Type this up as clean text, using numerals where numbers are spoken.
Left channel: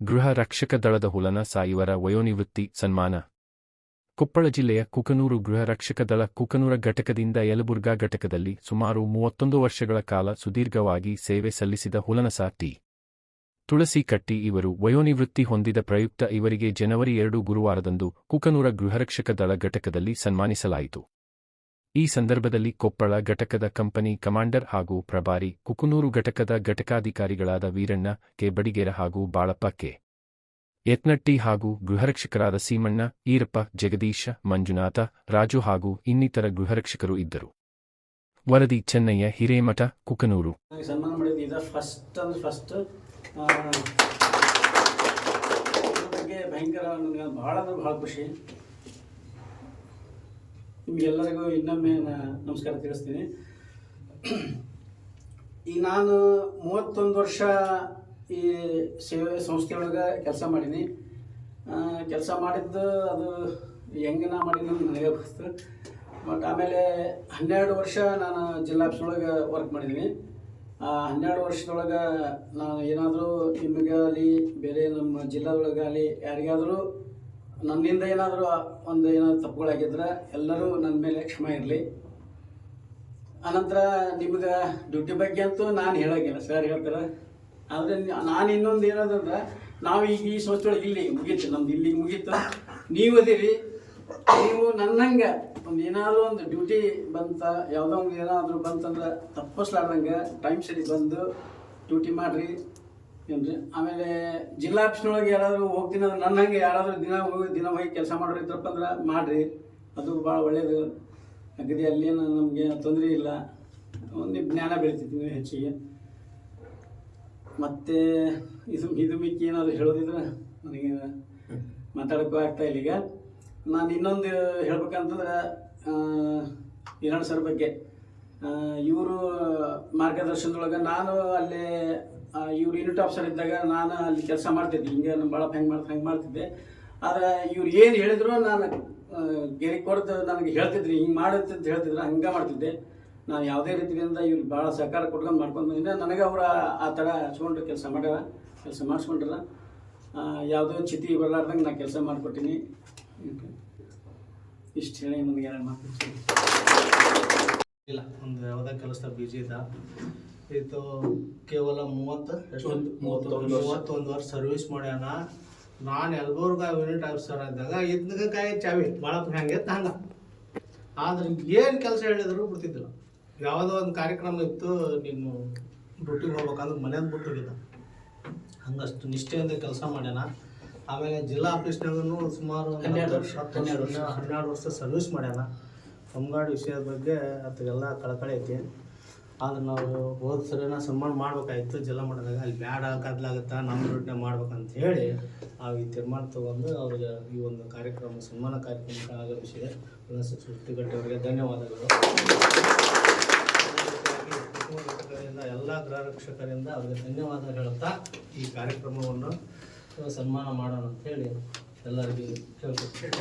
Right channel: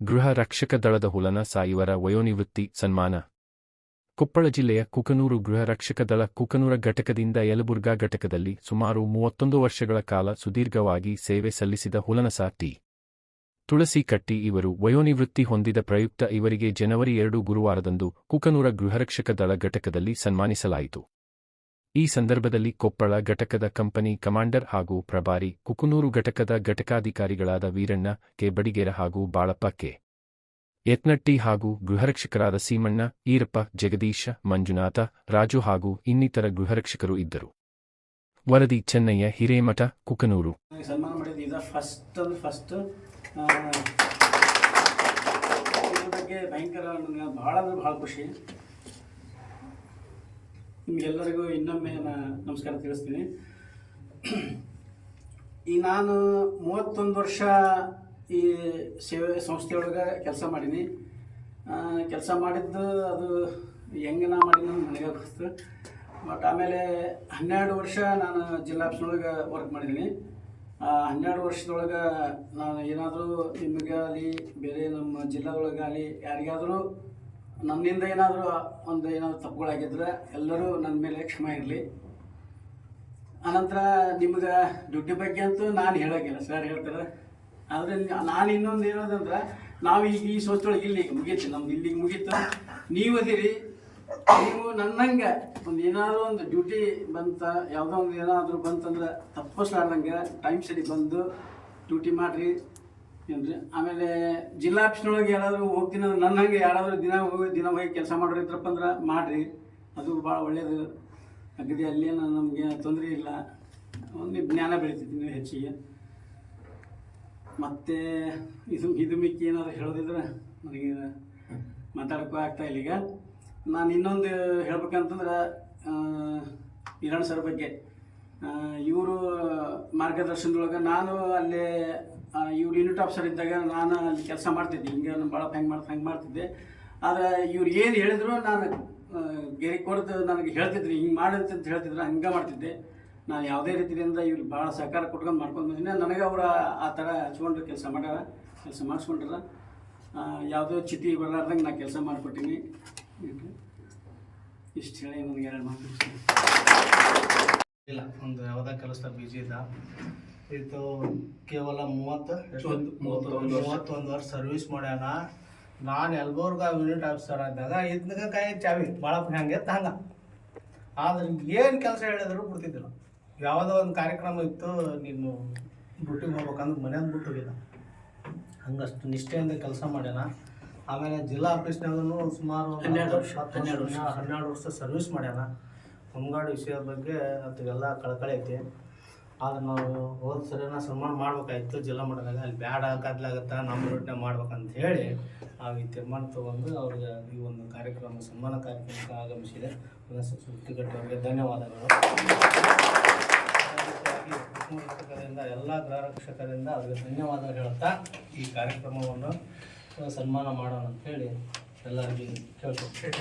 ಗೃಹ ರಕ್ಷಕ ದಳದ ಹುಲನ ಸಾಯುವರ ವಯೋನಿವೃತ್ತಿ ಸನ್ಮಾನ. ಕೊಪ್ಪಳ ಜಿಲ್ಲೆಯ ಕುಕನೂರು ಗೃಹ ರಕ್ಷಕ ದಳ ಕುಕನೂರ ಘಟಕದಿಂದ ಯಲಬುರ್ಗಾ ಘಟಕದಲ್ಲಿ ಸುಮಾರು 31 ವರ್ಷಗಳ ಕಾಲ ಸುದೀರ್ಘವಾಗಿ ಸೇವೆ ಸಲ್ಲಿಸಿದ ಹುಲನಸ ಟಿ. ತುಳಸಿ ಕಟ್ಟಿ ಇವರು ವಯೋನಿವೃತ್ತಿ ಹೊಂದಿದ ಪ್ರಯುಕ್ತ ಇವರಿಗೆ ಜನವರಿ 2 ಗುರುವಾರದಂದು ಕುಕನೂರ ಗೃಹರಕ್ಷಕ ದಳ ಘಟಕದಲ್ಲಿ ಸನ್ಮಾನಿಸಲಾಯಿತು. ಈ ಸಂದರ್ಭದಲ್ಲಿ ಕೊಪ್ಪಳ ಘಟಕದ ಕಂಪನಿ ಕಮಾಂಡರ್ ಹಾಗೂ ಪ್ರಭಾರಿ, ಕುಕನೂರು ಘಟಕದ ಘಟಕಾಧಿಕಾರಿಗಳಾದ ವೀರಣ್ಣ ಕೆ. ಬಡಿಗೇರ ಹಾಗೂ ಬಾಳಪ್ಪ ಕೆ. ಯತ್ನಟ್ಟಿ ಹಾಗೂ ಗೃಹರಕ್ಷಕರಾದ ಸೀಮಣ್ಣ, ಈರಪ್ಪ, ಜಗದೀಶ, ಮಂಜುನಾಥ, ರಾಜು ಹಾಗೂ ಇನ್ನಿತರ ಗೃಹರಕ್ಷಕರು ಇದ್ದರು. ವರದಿ ಚೆನ್ನಯ್ಯ ಹಿರೇಮಠ, ಕುಕನೂರು. ಸನ್ಮಾನ ಮಾಡಿದ್ದು ಇದು ಫಸ್ಟ್ ಬಗ್ಗೆ ಭಯಂಕರ ಬಹಳ ಖುಷಿ. ನಿಮಗೆಲ್ಲರಿಗೂ ಇನ್ನೊಮ್ಮೆ ನಮಸ್ಕಾರ ತಿಳಿಸ್ತೀನಿ. ಈ ನಾನು 31 ವರ್ಷ ಈ ಸೇವೆ ಸಂಸ್ಥೆಯೊಳಗೆ ಕೆಲಸ ಮಾಡೀನಿ. ಕೆಲಸ ಮಾಡಿದ್ದು ಅದು ಹೆಂಗೆ ನಾ ಮಾಡೀನಿ ನನಗೆ ಗೊತ್ತು. ಬಟ್ ಆಮೇಲೆ 12 ವರ್ಷ ನಾನು ಜಿಲ್ಲಾ ಆಫೀಸೊಳಗೆ ವರ್ಕ್ ಮಾಡಿದ್ದೀನಿ. 12 ವರ್ಷದೊಳಗೆ ನಾನು ಏನಾದರೂ ನಿಮಗಾಗಲಿ ಬೇರೆ ನಮ್ಮ ಜಿಲ್ಲಾದೊಳಗಾಗಲಿ ಯಾರಿಗಾದರೂ ನನ್ನಿಂದ ಏನಾದರೂ ಏನಾದರೂ ತಪ್ಪುಗಳಾಗಿದ್ರೆ ಎಲ್ಲರೂ ನನ್ನ ಮೇಲೆ ಕ್ಷಮೆ ಇರಲಿ. ಆನಂತರ ನಿಮ್ಗೆ ಡ್ಯೂಟಿ ಬಗ್ಗೆ ಅಂತೂ ನಾನು ಹೇಳೋಂಗಿಲ್ಲ, ಸರ್ ಹೇಳ್ತಾರೆ. ಆದರೆ ನಾನು ಇನ್ನೊಂದು ಹೇಳೋದಂದ್ರೆ, ನಾವು ಈಗ ಈ ಸಂಸ್ಥೆಯೊಳಗೆ ಇಲ್ಲಿಗೆ ಮುಗೀತು, ನಮ್ದು ಇಲ್ಲಿಗೆ ಮುಗೀತು. ನೀವು ಅದೀರಿ, ನೀವು ನನ್ನಂಗೆ ಏನಾದರೂ ಒಂದು ಡ್ಯೂಟಿ ಬಂತ, ಯಾವುದೋ ಒಂದು ಏನಾದರೂ ಬಂತಂದ್ರೆ ತಪ್ಪಿಸ್ಲಾರ್ದಂಗೆ ಟೈಮ್ ಸರಿ ಬಂದು ಡ್ಯೂಟಿ ಮಾಡಿರಿ ಏನ್ರಿ. ಆಮೇಲೆ ಜಿಲ್ಲಾ ಆಫೀಸ್ನೊಳಗೆ ಯಾರಾದರೂ ಹೋಗ್ತೀನಿ ಅಂದ್ರೆ ನನ್ನಂಗೆ ಯಾರಾದರೂ ದಿನ ಹೋಗಿ ಕೆಲಸ ಮಾಡೋರಿದ್ರಪ್ಪ ಅಂದ್ರೆ ಮಾಡಿರಿ, ಅದು ಭಾಳ ಒಳ್ಳೆಯದು. ಅಗದಿ ಅಲ್ಲೇನು ನಮಗೆ ತೊಂದರೆ ಇಲ್ಲ, ಒಂದು ಜ್ಞಾನ ಬೆಳಿತೈತಿ ನೀವು ಹೆಚ್ಚಿಗೆ. ಮತ್ತು ಇದು ಮಿಕ್ಕಿ ಏನಾದರೂ ಹೇಳೋದಿದ್ರೆ ನನಗೆ ಮಾತಾಡೋಕ್ಕೂ ಆಗ್ತಾಯಿಲ್ಲ. ಈಗ ನಾನು ಇನ್ನೊಂದು ಹೇಳ್ಬೇಕಂತಂದ್ರೆ ಹಿರಣ್ಣ ಸರ್ ಬಗ್ಗೆ. ಇವರು ಮಾರ್ಗದರ್ಶನದೊಳಗೆ ನಾನು ಅಲ್ಲೇ ಇವ್ರು ಯೂನಿಟ್ ಆಫೀಸರ್ ಇದ್ದಾಗ ನಾನು ಅಲ್ಲಿ ಕೆಲಸ ಮಾಡ್ತಿದ್ದೆ. ಹಿಂಗೆ ನಮ್ಮ ಭಾಳ ಹಂಗೆ ಮಾಡ್ತಿದ್ದೆ. ಆದರೆ ಇವ್ರು ಏನು ಹೇಳಿದ್ರು ನಾನು ಗೆರೆ ಕೊಡ್ದು ನನಗೆ ಹೇಳ್ತಿದ್ರಿ, ಹಿಂಗೆ ಮಾಡುತ್ತಂತ ಹೇಳ್ತಿದ್ರು, ಹಂಗೆ ಮಾಡ್ತಿದ್ದೆ. ನಾನು ಯಾವುದೇ ರೀತಿಯಿಂದ ಇವ್ರಿಗೆ ಭಾಳ ಸಹಕಾರ ಕೊಟ್ಕೊಂಡು ಮಾಡ್ಕೊಂಡು ಬಂದಿದ್ದೆ. ನನಗೆ ಅವರು ಆ ಥರ ಹಚ್ಕೊಂಡು ಕೆಲಸ ಮಾಡಿಸ್ಕೊಂಡ್ರ. ಯಾವುದೋ ಚಿತಿ ಬರಲಾರ್ದಂಗೆ ನಾನು ಕೆಲಸ ಮಾಡಿಕೊಟ್ಟಿನಿ. ಇಷ್ಟು ಹೇಳಿ ನನಗೆ 2 ಮಾತು ಇಲ್ಲ. ಒಂದು ಯಾವುದೇ ಕೆಲಸ ಬಿಜಿ ಇದ್ದ ಇದು ಕೇವಲ 31 ವರ್ಷ ಸರ್ವಿಸ್ ಮಾಡ್ಯಾನ. ನಾನು ಯಲಬುರ್ಗಾ ಯೂನಿಟ್ ಆಫೀಸರ್ ಆದಾಗ ಇದನ್ನ ಕಾಯಿ ಚಾವಿ ಭಾಳ ಹಂಗೆ ಹಂಗೆ. ಆದ್ರೆ ಏನು ಕೆಲಸ ಹೇಳಿದ್ರು ಬಿಡ್ತಿದ್ದಿಲ್ಲ. ಯಾವುದೋ ಒಂದು ಕಾರ್ಯಕ್ರಮ ಇತ್ತು, ನೀನು ಡ್ಯೂಟಿಗೆ ಹೋಗ್ಬೇಕಂದ್ರೆ ಮನೆಯಿಂದ ಬಿಟ್ಟು ಹೋಗಿದ್ದ. ಹಂಗಷ್ಟು ನಿಷ್ಠೆಯಿಂದ ಕೆಲಸ ಮಾಡ್ಯಾನ. ಆಮೇಲೆ ಜಿಲ್ಲಾ ಆಫೀಸ್ನಾಗೂ ಸುಮಾರು 12 ವರ್ಷ ಸರ್ವಿಸ್ ಮಾಡ್ಯಾನ. ಹೊಂಗಾಡಿ ವಿಷಯದ ಬಗ್ಗೆ ಅದೆಲ್ಲ ಕಳಕಳಿ ಐತಿ. ಆದ್ರೆ ನಾವು ಹೋದ ಸರಿನ ಸನ್ಮಾನ ಮಾಡ್ಬೇಕಾಯ್ತು ಜಿಲ್ಲಾ ಮಟ್ಟದಾಗ. ಅಲ್ಲಿ ಬ್ಯಾಡ ಗದ್ಲಾಗತ್ತಾ, ನಮ್ಮ ರೋಡ್ನಾಗ ಮಾಡ್ಬೇಕಂತ ಹೇಳಿ ನಾವು ಈ ತೀರ್ಮಾನ ತೊಗೊಂಡು ಅವ್ರಿಗೆ ಈ ಒಂದು ಕಾರ್ಯಕ್ರಮ ಸನ್ಮಾನ ಕಾರ್ಯಕ್ರಮಕ್ಕೆ ಆಗಮಿಸಿದೆ. ಸುತ್ತಿಗಟ್ಟಿ ಅವರಿಗೆ ಧನ್ಯವಾದಗಳು. ಘಟಕದಿಂದ ಎಲ್ಲ ಗೃಹರಕ್ಷಕರಿಂದ ಅವರಿಗೆ ಧನ್ಯವಾದ ಹೇಳುತ್ತಾ ಈ ಕಾರ್ಯಕ್ರಮವನ್ನು ಸನ್ಮಾನ ಮಾಡೋಣ ಅಂತ ಹೇಳಿ ಎಲ್ಲರಿಗೂ ಕೇಳ್ಕೊಳ್ತೀನಿ.